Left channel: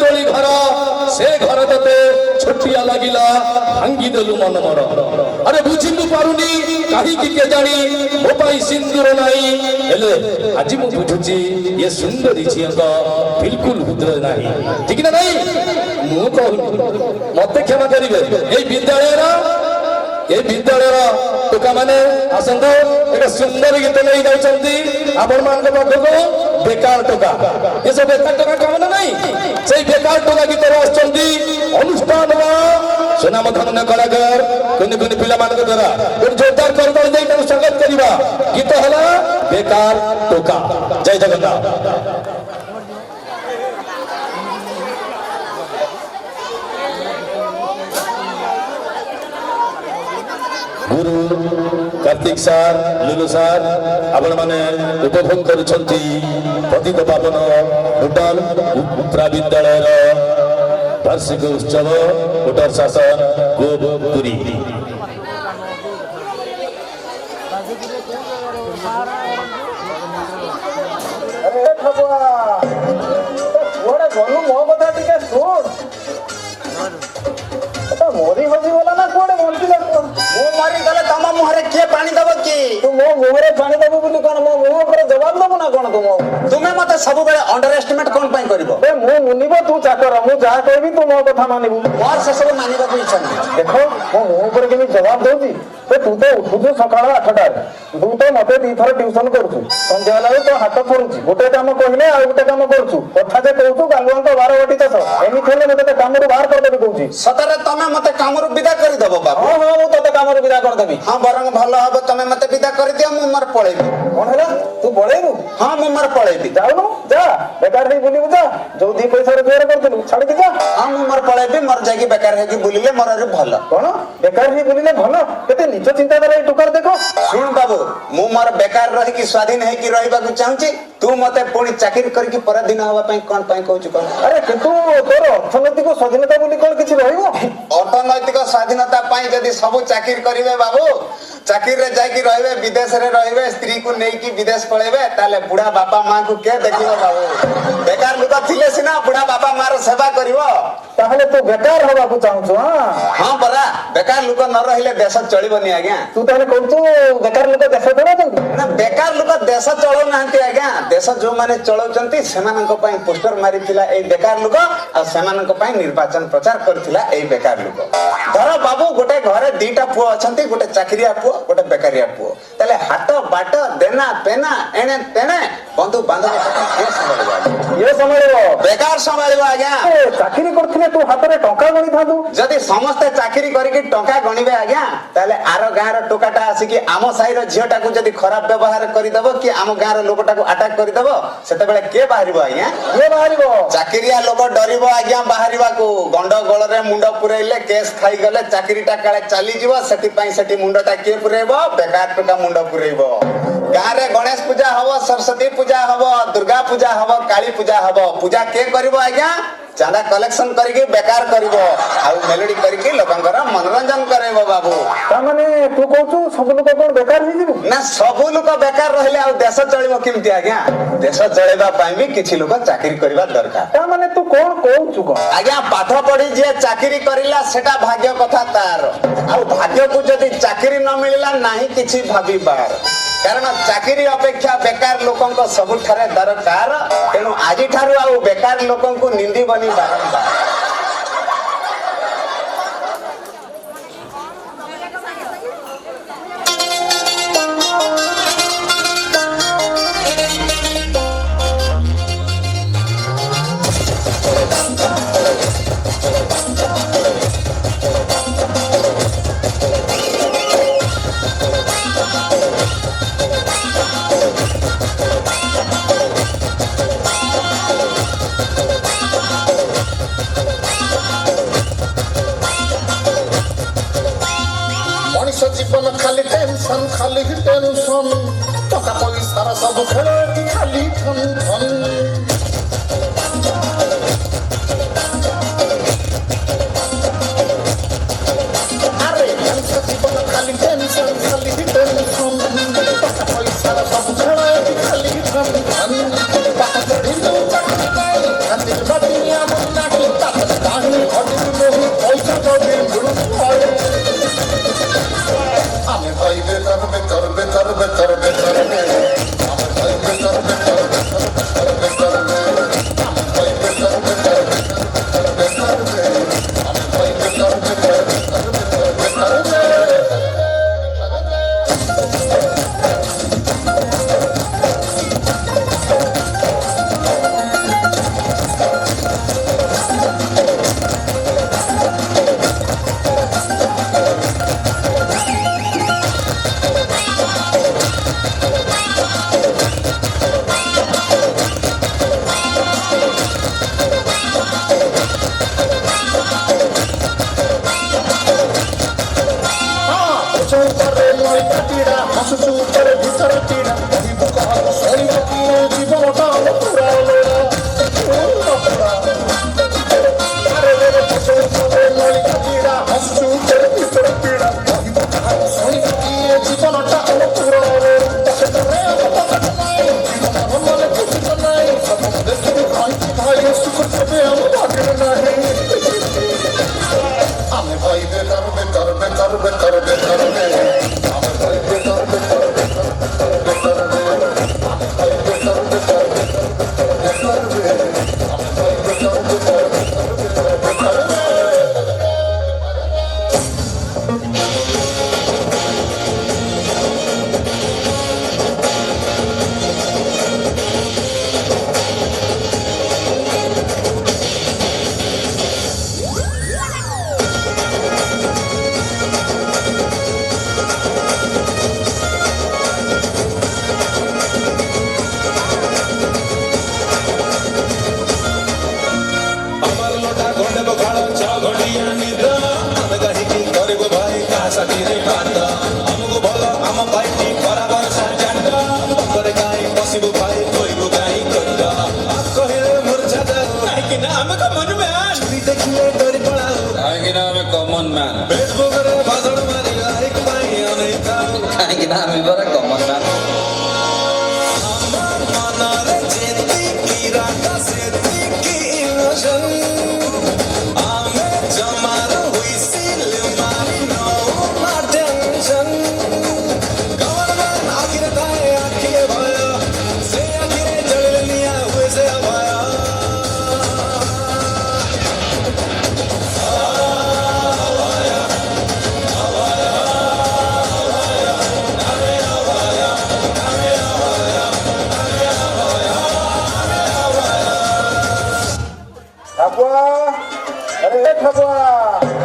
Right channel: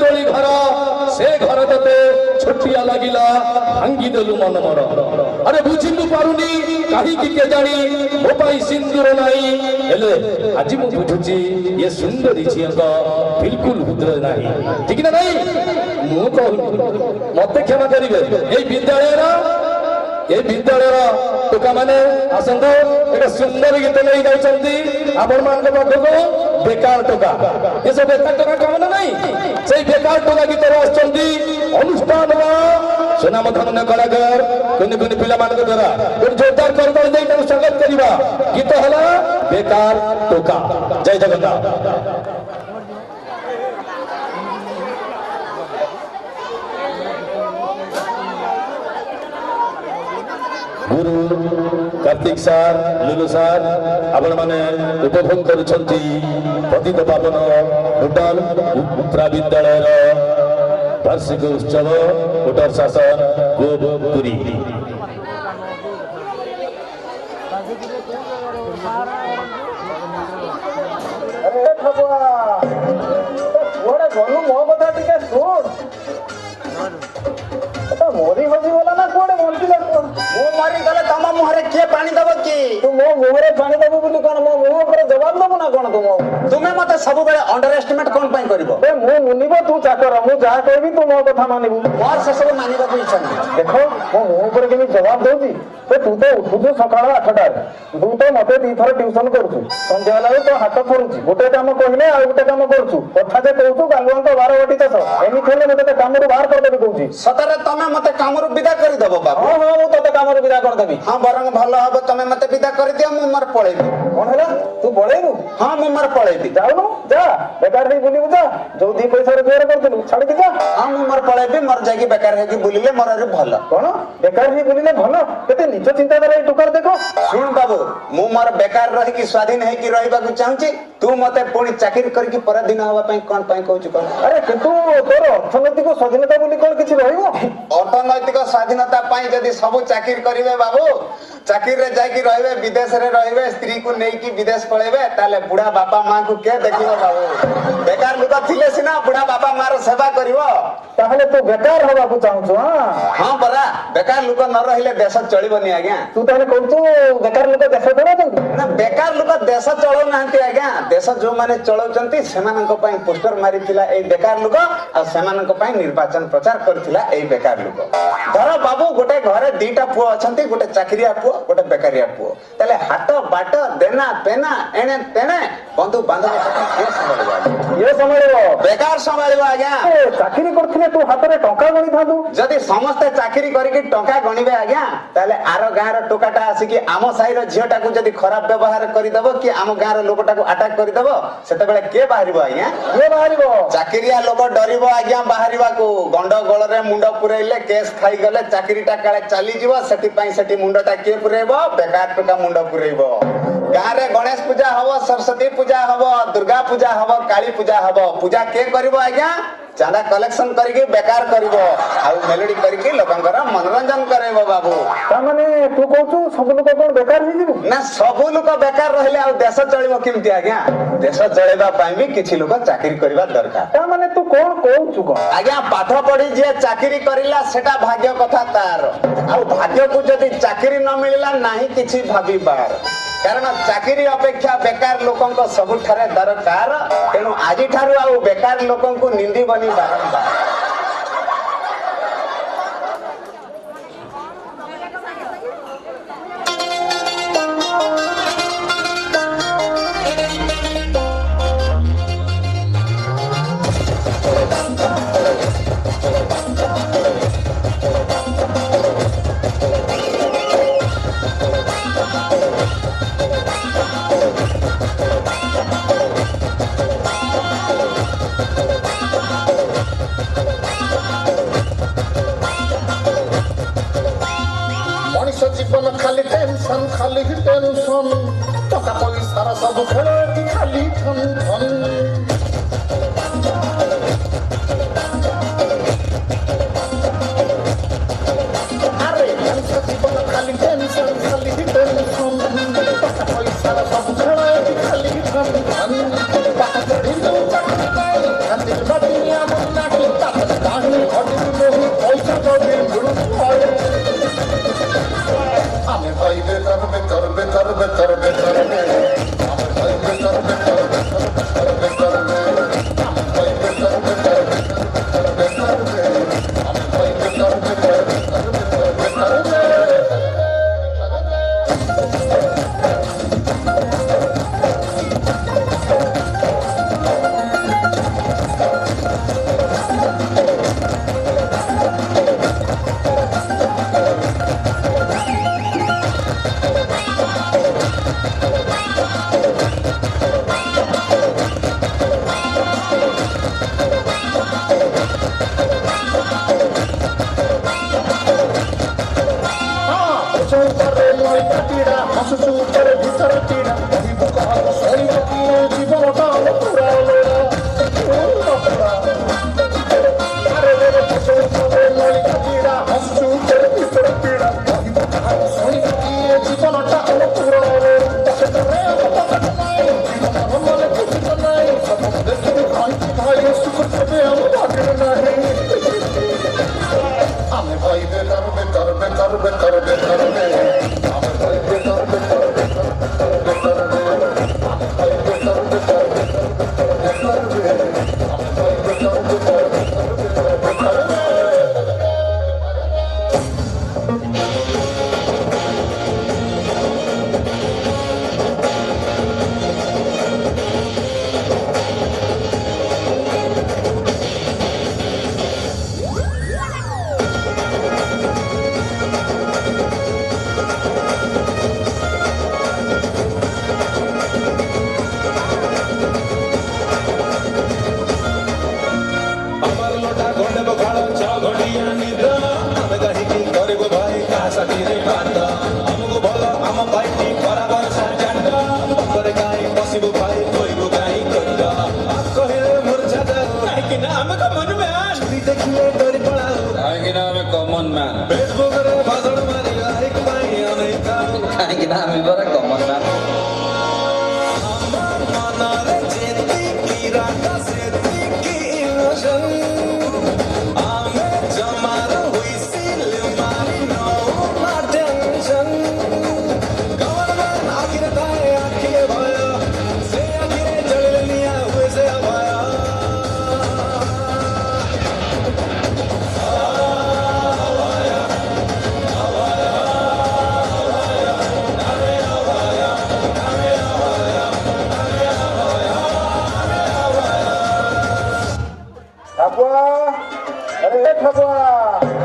तोली घर से घर तते छोटिया लागिला भांगी देलु मन मोर अरे बुझिनु पारुनी काहे की के जानी मो पाई सिंदूर नाही हेले आज मु बुझुची ये सुंदरी झियका बिल्कुल हृदय नाही ठीक ना नहीं मु कहू मते क्षमा करिवे ए विद्यालय टोका माने आसंतो एक सुंदर गीत नहीं गाइछंती आपण मान पाखको बेकार टोका ये सब बेकार टोका काम नहीं से बेकार टोका गीत आछंती अनुष्ठान सुनाम धन्य कलाकार कुनि कुनि पिला मान द्वारा जोरदार करदल दे स्वागत करिबा गीत हला बेकार टोका जय जगन्नाथ गुरु कार्तिक सार लुलु सार आपण माने उपभोग करुछंती पतित पावन भूटान उत्तरा विद्यालय वार्षिक उत्सव कोटर शासन गोपुरी अरे ठबुआ ओरे गनु मो कथा टिके सुन तो मोरी होजी वाला ना कोडे बोलती लगो मो मारी गले तमा मुहरे के पानी दबो की तू मो मुहरे पानी दबो बोली कोन मो मुह पर जवाब दबो ना कोन तुमे मते सब बेले अंडर एस्टिमेट कोन पई करबो ए मो मुनिबो तू चाकर मु जा कहबी तू मो कथा मानिबू मोर से सब मानिबा को इच्छा नहीं देखो मो मुह पर केमी जवाब दोजी ए तू तो उठुजो सकाळ 8टा तू तो मते दी थर ट्यूशन करछु संध्या लागे तो हाथ फरुची गोटे काम कहिले आ गोटे काम करछु कथा जे कहू गालुआ तो 12 वटी तस एमी खेले मते काम रो बाहर कर देबे कहूची सतरे तमे मते काम रो विदा करि दबो बाबू हां हां मु तते काम रो विदा कर देबी हां बरंग भलो हबो तमे मते विदा कर दियो मु मर पळेबी कोन हला तू पळेबू हां मु मर पळेबी जाउनु जा बेकार हे बुलिबू जा जो दी पैसा रो बेर करतलु छाडी दे जा हां मु मर पळेबी मर जाकी बेकार हे की बुलिले मर रे भलो कोन बेकार हे बुलिले भलो केते निज चिंता करे टुकर देखो सुन बाबू मु मर बेकार रही की स्वाधीन है की रहिबा को चाहूची तू मते पुणी चाकरी करके परदिन हवा पई कोन पई कहूची कोन अरे किंतु तोर अर्थनैतिक स्वाधीनता बोली कोन किछि रहिबो अर्थनैतिक स्वाधीनता पई जदी सब चाकरी करिवे बाबू चाकरी रे जाई रहिबे विदेश रे रहिबे स्त्री को नै की विदेश पळेबे ताले बुढ़ा बापा मां को के देखिबो बाबू बेकार लोक थिले सिना बुढ़ा बापा मार सेवा करिवो ताहले तू बेकार हवा को चाहू हां हां बरा बेकार लोक न रहिले देश चलिबनी आज्ञा तू ताले कहू बेकार लोक देश चलाउछंती ना बेकार लोक देश चलाउ नांती आज्ञा देश जो माने चलाउछंती सेमानक पई पोस्टर मारिथिला ए बेकार लोक आ सेमानक पई निर्वाचन प्रचार करथिला ए बेकार लोक धर बाबू गोटे घरे दीटा पुओ अछंती गोटे चाकरिया पुओ गोटे बेकारिया पुओ ताले हाथ बाट देना पेना एने तेने बंधु बांधव के संभाळबा ये संभाळबो बेकार संभाळबा आज्ञा चाकरी करथिले तू हाथ रे टंका गणी थादू जदी समस्त चाकरी करिके टंका गणिबे आज्ञा ताले आरो गार टोकाटा आसी कि आमो साइर झियोटा को जदी खराब व्यवहार करि दबो कि आमो गार लोकटा को अटैक करि दबो सेते बेले के बाहरिबो आज्ञा के बाहरिबो चाकरिया लोक डरिबो आज्ञा बाहरिबा को गंड गोल रे मुंडो पुरैले केस खाई गले चाकरीटा काळे चाली जीवो सेति पई सेति मुंडोटा के पुरैबो बेकार टका मुंडो पुरैबो गारे गणेश पूजा हबो सरस्वती पूजा हबो दुर्गा पूजा हबो काली पूजा हबो पूजा के करबो आज्ञा चांदा कलेक्शन करके बेकार करिवो आ मेलोडी करके लोकंकर मनोरंजन करेबो बाबू ता माने तू कहू सब लोग कोन बेकार ही जीवो ना सब लोग बेकार रहले आ देश चलिबो किमती आज्ञा देश चलेबा पई भी किछि लोग चाकरी करबा दरकार ता माने तू कोन कहू को आज्ञा पाठ पढी जे चाकरी करिला सेटा भाग्य कथा तार आ भाग्य को जदी चाकरी न मिलिला नाही किछि भाबी बार कारण चाकरी अपेक्षा बेकार लोकन को सबुठारे दरकार तेनु आजि ठारु आ बेकार लोकन को निंदी बनी बारंबार जीवन खाली टेंशन खाली टेंशन टका पैसा सब खेले की खाली ठन ठन अरे जीवन खाली टेंशन खाली टेंशन टका पैसा सब खेले की खाली ठन ठन बात करी तो खाली दुनिया में ଭିତରେ ପୀଡ଼ା କହିବ କାହାକୁ ସରିବ କିଏ ଜୀବନଟା ପୁରା ଲୋଡ଼ା ପୁରା ଆରେ ରେ ପଛରେ ପଛରେ ନଳିକା ପୀଡ଼ା ହସୁ ତେରେ ଭିତରେ ପୀଡ଼ା କହିବ କାହାକୁ ସରିବ କିଏ ଜୀବନଟା ପୁରା ଲୋଡ଼ା ପକେଟରେ ପକେଟ ନାହିଁ ଜୀବନ ମନରେ କିଛି ତ ନାହିଁ ସବୁ ଦେଖିବି ଖାଇଛି ଭାଇ ସୁଖ କେବେ ଆମ ଭାଗ୍ୟରେ ନାହିଁ ଆମେ ଭାଇ ବେକାର ବେକାର ବେକାର ବେକାର ବେକାର ଆମେ ଭାଇ ବେକାର ବେକାର ବେକାର ବେକାର ଆମେ ଭାଇ ବେକାର ବେକାର ବେକାର ବେକାର ଆମେ ଭାଇ ବେକାର ବେକାର ବେକାର ବେକାର Abuah, ada apa?